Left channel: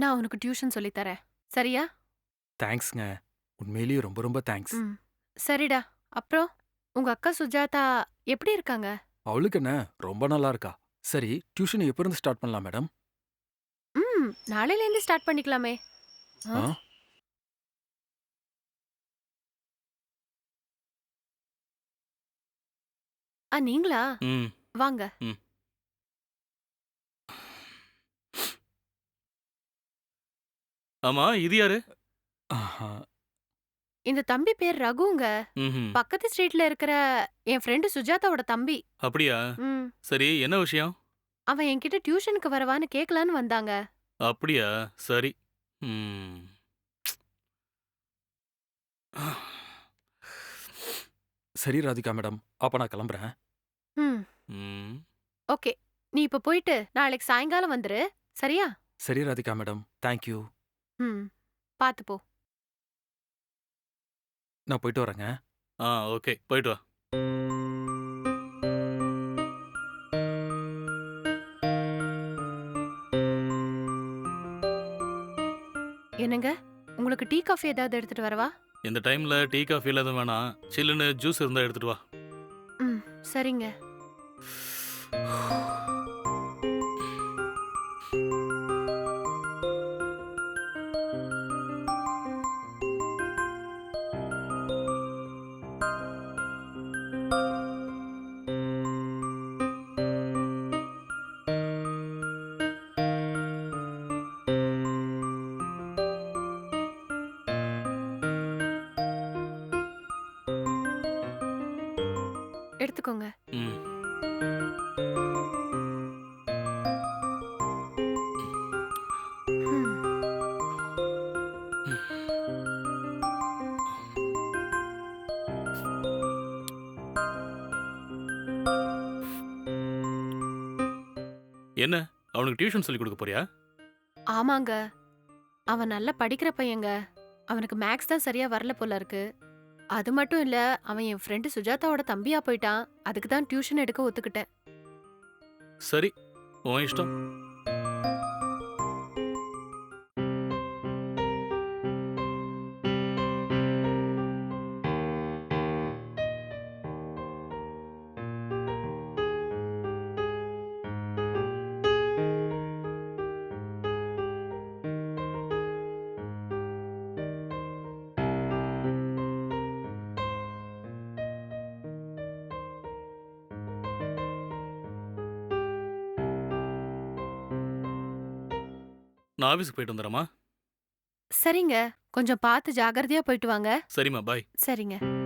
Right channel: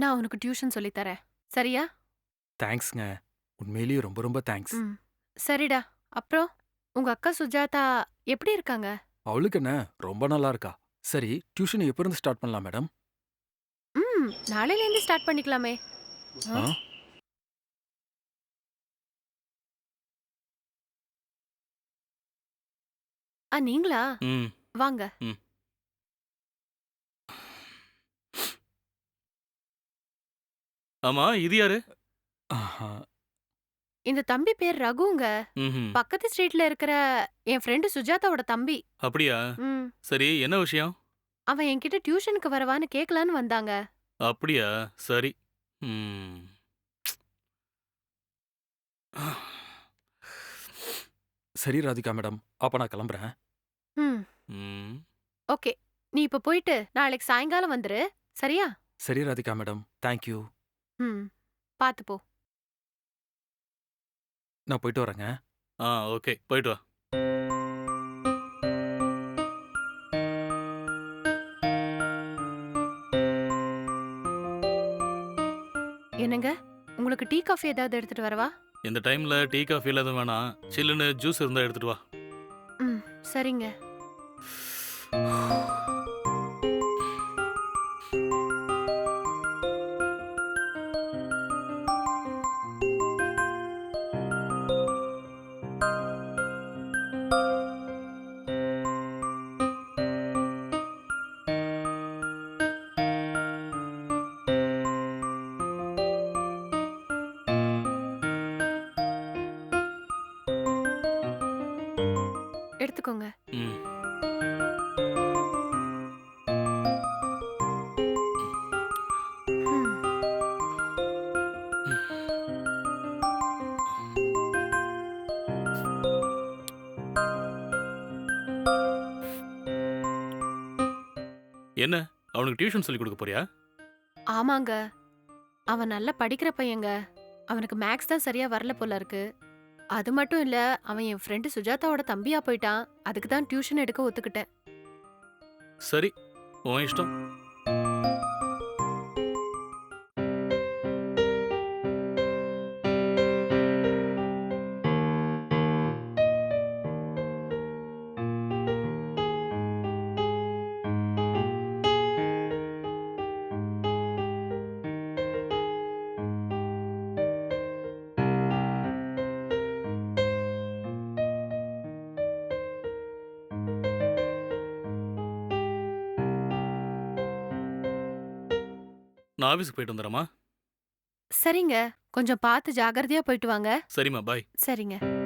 நான் உனக்கு டியூஷன் சொல்லித் தரேன். சரியா? தேங்க்ஸ்ங்க. உண்மையிலேயே ரொம்ப ரொம்ப தேங்க்ஸ். ம். சரிடா. அப்புறம் உங்க அக்கா சுஜாதா எப்படி இருக்காங்க? அவளுக்கு என்ன ரொம்ப நல்லா இருக்கா. சரி, டியூஷன் எப்ப இருந்து ஸ்டார்ட் பண்ணலாம் மேடம்? நாளையிலேருந்து ஸ்டார்ட் பண்ணிக்கலாமே. ஆ? ஆ? நீங்களா? ம், வாங்க. ம். ஆமா, இது யாரு? ஆஹா. இந்த தம்பி பேர் ரகுங்க. ம்ஹ்ம். பக்கத்து ஸ்ட்ரீட்ல இருக்கிற என் ஃப்ரெண்டு சுஜாதாவோட தம்பி. அப்படியா? ம். சரி, என்ன விஷயம்? அவன் என்கிட்ட டியூஷனுக்கு வரவான்னு கேட்கலான்னு வந்தாங்க. அப்படியா? சரி. ம். சரி ராதிகா மேடம். அப்ப நான் கிளம்புறேன். ம். ம். ஓகே. நீ இப்ப போயிட்டு நாளைக்கு சாயங்காலம் வந்துரு. சரியா? சரி ராதிகா மேடம். Thank you. ம். பாத்து போ. நான் போயிட்டு வரேங்க. ஓகே. போயிட்டு வா. என்னங்க? உங்களுக்கு டீ, காஃபி ஏதாவது எடுத்துட்டு வரவா? இந்த டைம்ல டீ, காஃபிலாம் எதுவும் வேணாம். சில்லுன்னு ஜூஸ் இருந்தா எடுத்துட்டு வா. ம். சரிங்க. எடுத்துக்கோங்க. ம். ம். என்ன? அவனுக்கு டியூஷன் சொல்லிக் குடுக்க போறியா? ஆமாங்க. அவன் நல்லா படிக்கிற பையங்க. அவனுக்கு மேக்ஸ் தான் சரியா வரல போல இருக்கு. அது மட்டும் இல்ல, அவன் என் ஃப்ரெண்டு சுஜாதாவோட தம்பியா போயிட்டான். அதுக்கு தான் டியூஷன் எடுக்க ஒத்துக்கிட்டேன். சரி, உன் இஷ்டம். நான் ஆஃபீஸ்க்கு போயிட்டு வந்துர்றேம்மா. சரிங்க. கொஞ்சம் பார்த்து ஜாக்கிரதையா போயிட்டு வாங்க. சரிம்மா, பாய். சரிங்க.